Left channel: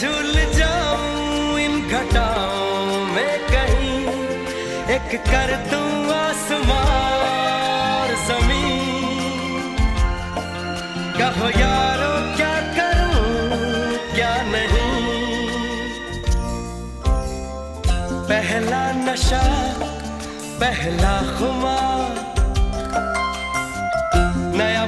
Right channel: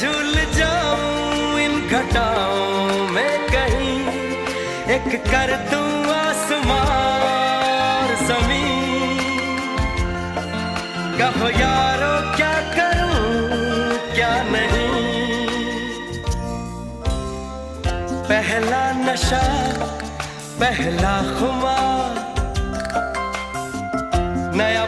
झूल जाऊं इन घटाओं में कहीं, एक कर दूं आसमां और ज़मीन। कहो यारो क्या करूं क्या नहीं, पहला नशा पहला खुमार, नया